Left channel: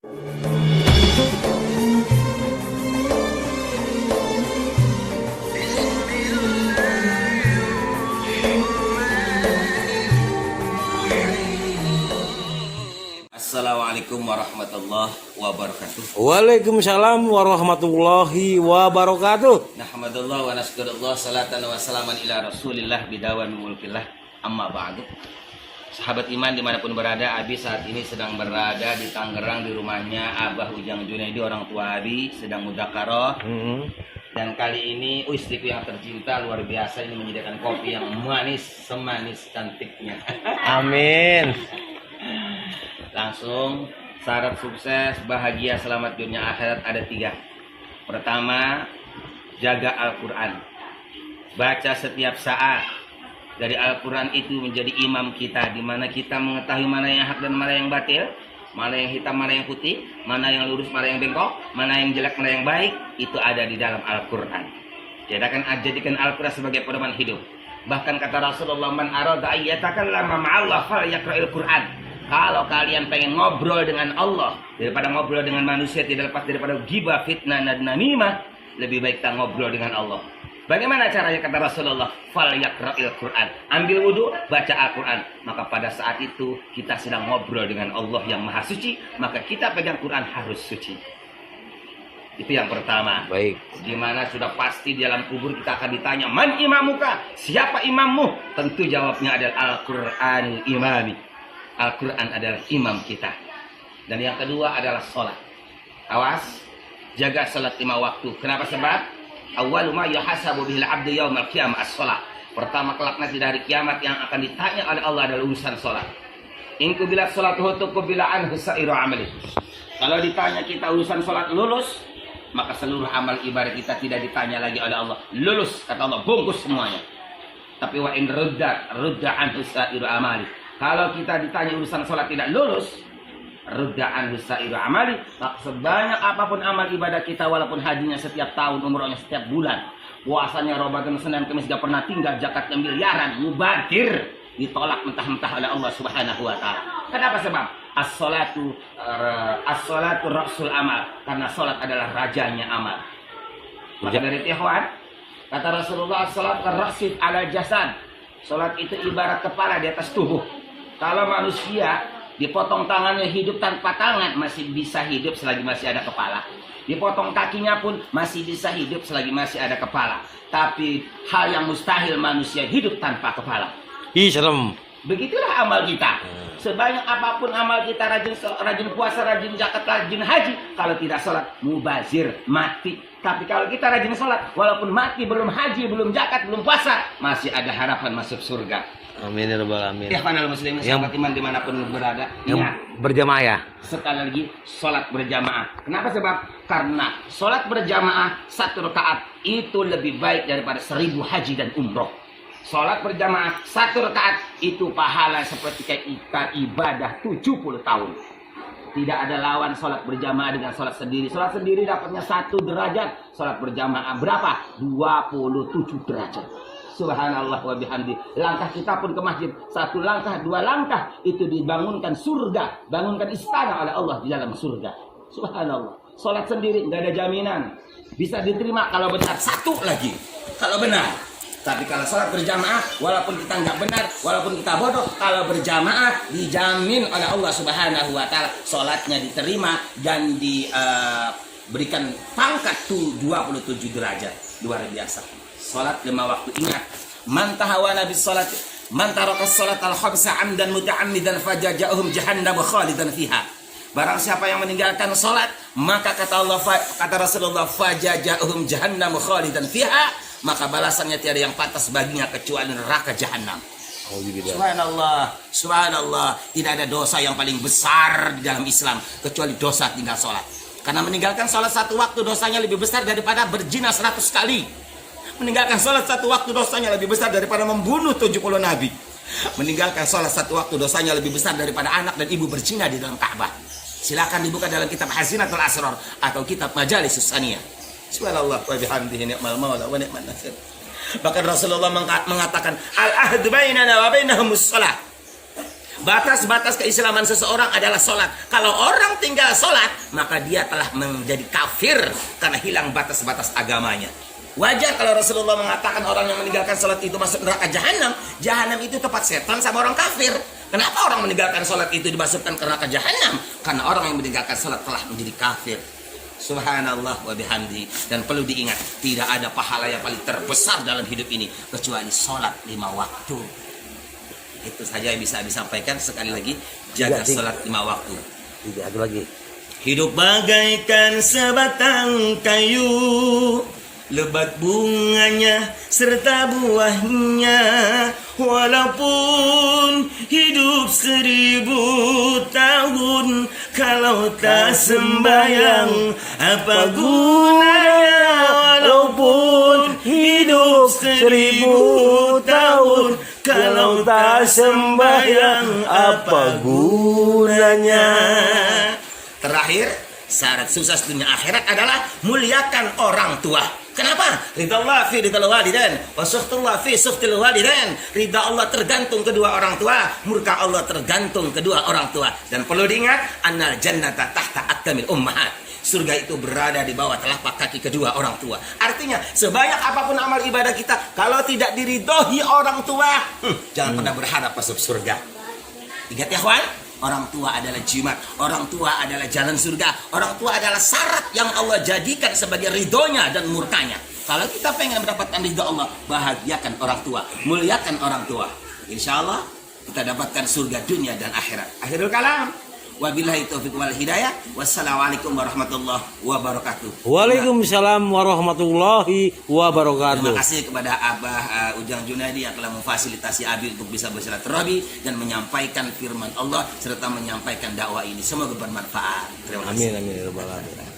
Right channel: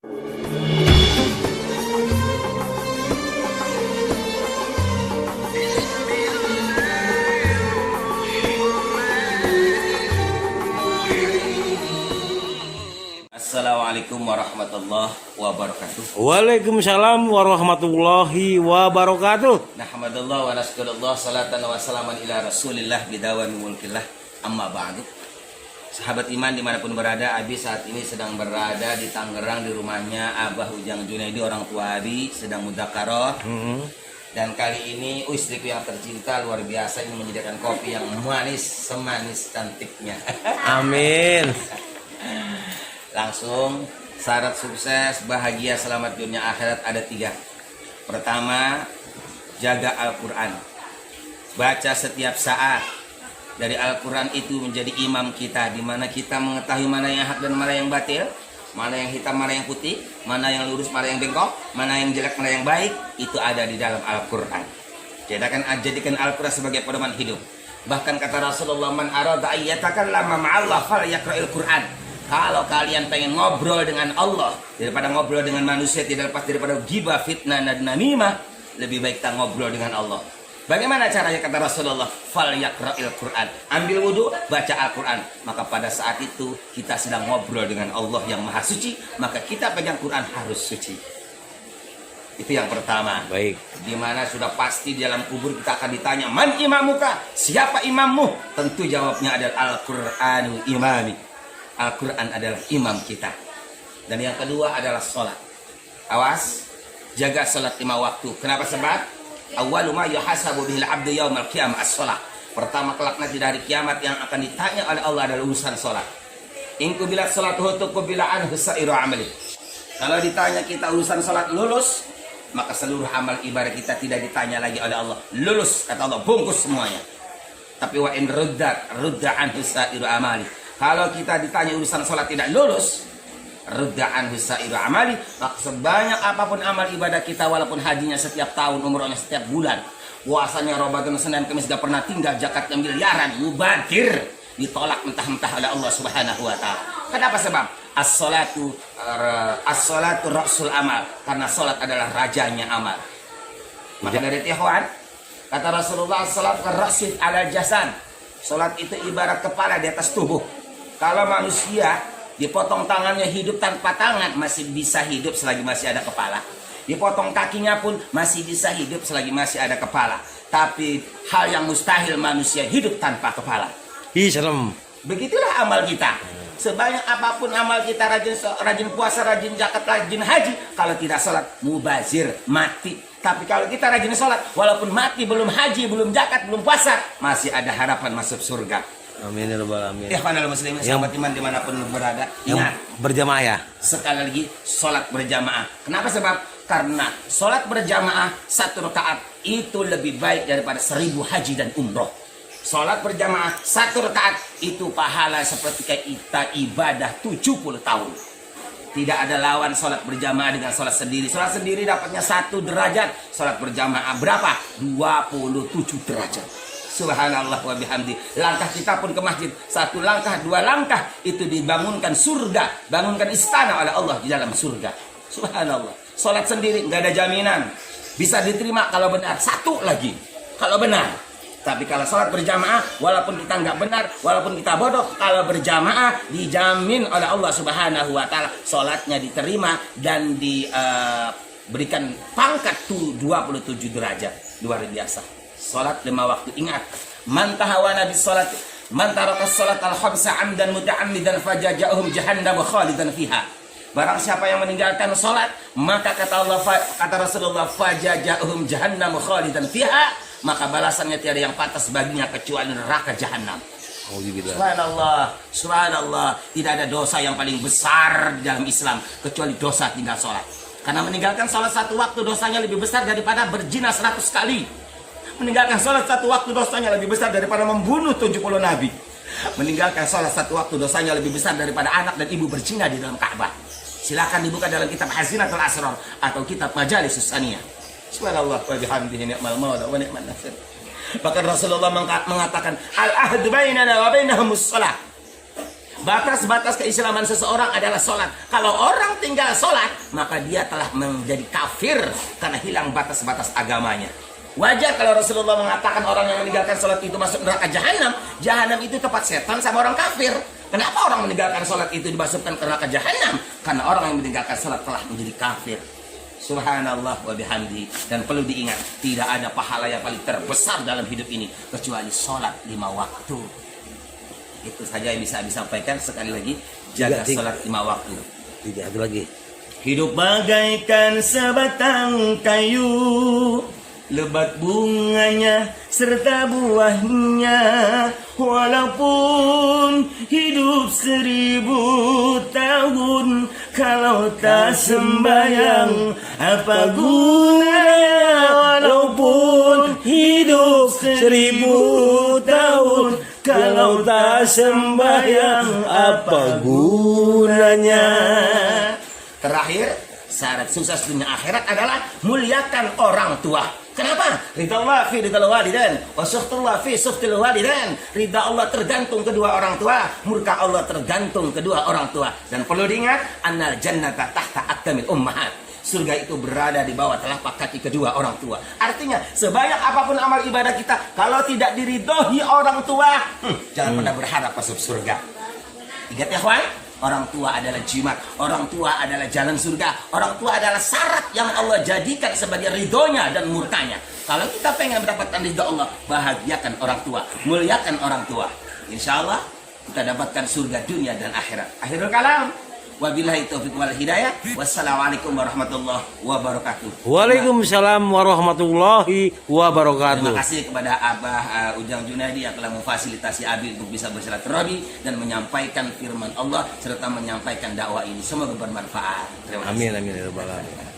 Assalamualaikum warahmatullahi wabarakatuh. Waalaikumsalam warahmatullahi wabarakatuh. Nahmadullah wa naskurullah salatan wa salaman ila rasulillah bidawan mulkillah amma ba'du. Sahabat iman dimanapun berada, Abi saat ini sedang berada di Tangerang di rumahnya Abah Ujang Junaidi, orang tua Abi sedang mudzakarah. Dan kali ini istriku yang tercinta luar biasa ini menyediakan kopi yang manis semanis cantiknya. Amin. Langsung syarat sukses bahagia selamat dunia akhirat ada 3. Pertama, jaga Al-Quran, baca setiap saat. Dari Al-Quran itu menjadi imam kita, di mana kita mengetahui mana yang hak dan mana yang batil, mana yang hitam, mana yang putih, mana yang lurus, mana yang bengkok, mana yang jelek, mana yang baik. Itu ada di dalam Al-Quran. Jadikan Al-Quran sebagai pedoman hidup. Bahkan kata Rasulullah, man arada ayyatakallama ma'allah falyaqra'il Quran. Kalau kalian pengen ngobrol dengan Allah daripada ngobrol dengan manusia, tidak lepas daripada ghibah, fitnah, dan namimah, lebih baik kita ngobrol dengan Allah. Bagaimana caranya kata Rasulullah? Falyaqra'il Quran. Ambil wudhu, baca Al-Quran. Maka pada saat itu kita sedang ngobrol dengan Allah yang maha suci. Maka kita pegang Quran harus suci. Itu yang pertama. Baik. Dimana sudah pasti di dalam kubur kita akan ditanya, man imamuka? Siapa imammu? Tentu jawabnya adalah Al-Qur'anu imami. Al-Quran adalah imam kita. Dan yang kedua adalah sholat. Awas, jaga sholat 5 waktu. Kenapa? Sebab awwalu ma yuhasabu bihil abdu yaumal qiyamah as-sholat. Pertama kelak nanti dari kiamat yang akan ditanya oleh Allah adalah urusan sholat. In qubilat sholatuhu tuqbila anhu sa'iru amali. Kalau ditanya kita urusan sholat lulus, maka seluruh amal ibadah kita tidak ditanya lagi oleh Allah. Lulus, kata Allah, bungkus semuanya. Tapi wa in rudda anhu sa'iru amali. Kalau kita ditanya urusan sholat tidak lulus, rudda'an husairu amali, maka sebanyak apapun amal ibadah kita, walaupun hajinya setiap tahun, umrohnya setiap bulan, puasanya Ramadan, Senin, Kamis gak pernah tinggal, zakatnya miliaran, mubadir, ditolak mentah-mentah oleh Allah Subhanahu wa taala. Kenapa? Sebab as-salatu rasul amal, karena salat adalah rajanya amal. Maka dari Tihuan kata Rasulullah, as-salatu karrasif ala jasad. Salat itu ibarat kepala di atas tubuh. Kalau manusia dipotong tangannya hidup tanpa tangan, masih bisa hidup selagi masih ada kepala. Dipotong kakinya pun masih bisa hidup selagi masih ada kepala. Tapi hal yang mustahil manusia hidup tanpa kepala. Serem. Begitulah amal kita. Sebanyak apapun amal kita, rajin puasa, rajin zakat, rajin haji, kalau tidak sholat, mubazir, mati. Tapi kalau kita rajin sholat, walaupun mati, belum haji, belum zakat, belum puasa, masih ada harapan masuk surga. Amin ya rabbal alamin. Ya panel muslimin, sahabat iman dimanapun berada, ingat, Berjamaah ya. sekali lagi sholat berjamaah. Kenapa? Sebab karena sholat berjamaah 1 rakaat itu lebih baik daripada 1000 haji dan umroh. Sholat berjamaah 1 rakaat itu pahala seperti kita ibadah 70 tahun. Tidak ada lawan sholat berjamaah dengan sholat sendiri. Sholat sendiri dapatnya 1 derajat. Sholat berjamaah berapa? 27 derajat. Subhanallah wa bihamdi. Langkah kita pun ke masjid, 1 langkah, 2 langkah, itu dibangunkan surga, bangunkan istana oleh Allah di dalam surga. Subhanallah. Sholat sendiri nggak ada jaminan bisa diterima kalau benar, 1 lagi kalau benar. Tapi kalau sholat berjamaah, walaupun kita nggak benar, walaupun kita bodoh, kalau berjamaah dijamin oleh Allah Subhanahu wa taala sholatnya diterima dan diberikan pangkat tuh 27 derajat. Luar biasa. Sholat 5 waktu. Ingat, man tahawana bis sholat, man taraka sholat al-khamsa amdan muta'ammidan fajaja'uhum jahannam khalidan fiha. Barang siapa yang meninggalkan sholat, maka kata Rasulullah, fajaja'uhum jahannam khalidan fiha, maka balasannya tiada yang pantas baginya kecuali neraka jahanam. Subhanallah, subhanallah. Tidak ada dosa yang paling besar di dalam Islam kecuali dosa tinggal sholat. Karena meninggalkan sholat 1 waktu dosanya lebih besar daripada berzina 100 kali. Meninggalkan sholat 1 waktu dosanya lebih besar daripada membunuh 70 nabi. Meninggalkan sholat 1 waktu dosanya lebih besar daripada anak dan ibu berzina di dalam Ka'bah. Silakan dibuka dalam kitab Hazinatul Asrar atau kitab Majalisus Saniyah. Subhanallah wa bihamdihi ni'mal maula wa ni'man nasir. Bahkan Rasulullah mengatakan, al-ahdu bainana wa bainahumus shalah. Batas-batas keislaman seseorang adalah sholat. Kalau orang tinggal sholat, maka dia telah menjadi kafir karena hilang batas-batas agamanya. Wajar kalau Rasulullah mengatakan orang yang meninggalkan sholat itu masuk neraka jahanam. Jahanam itu tempat setan sama orang kafir. Kenapa orang meninggalkan sholat itu dimasukkan ke neraka jahanam? Karena orang yang meninggalkan sholat telah menjadi kafir. Subhanallah wa bihamdi. Dan perlu diingat, tidak ada pahala yang paling terbesar dalam hidup ini kecuali sholat 5 waktu. Itu saja yang bisa disampaikan. Sekali lagi, jaga sholat 5 waktu. Tidak ada lagi. Hidup bagaikan sebatang kayu, lebat bunganya serta buahnya. Walaupun hidup 1000 tahun, kalau tak sembayang apa gunanya? Walaupun hidup 1000 tahun, kalau tak sembayang apa gunanya? Terakhir, syarat sukses dunia akhirat adalah muliakan orang tua. Kenapa? Ridha Allah fi ridha walidain, wa sukhtullah fi sukhtil walidain. Ridha Allah tergantung kedua orang tua, murka Allah tergantung kedua orang tua. Dan perlu diingat, annal jannata tahta aqdamil ummahat. Surga itu berada di bawah telapak kaki kedua orang tua. Artinya, sebanyak apapun amal ibadah kita, kalau tidak diridhoi orang tua, jangan pernah berharap masuk surga. Ingat ya kawan, orang tua adalah jimat, orang tua adalah jalan surga, orang tua adalah syarat yang Allah jadikan sebagai ridhonya dan murkanya. Kalau kita pengen mendapatkan ridho Allah, bahagiakan orang tua, muliakan orang tua. Insya Allah kita dapatkan surga dunia dan akhirat. Akhirul kalam. Wabillahi taufiq wal hidayah. Wassalamualaikum warahmatullahi wabarakatuh. Waalaikumsalam warahmatullahi wabarakatuh. Terima kasih kepada Abah Ujang Junaidi yang telah memfasilitasi Abi untuk bisa bersilaturahmi dan menyampaikan firman Allah serta menyampaikan dakwah ini. Semoga bermanfaat. Terima kasih. Amin amin ya rabbal alamin.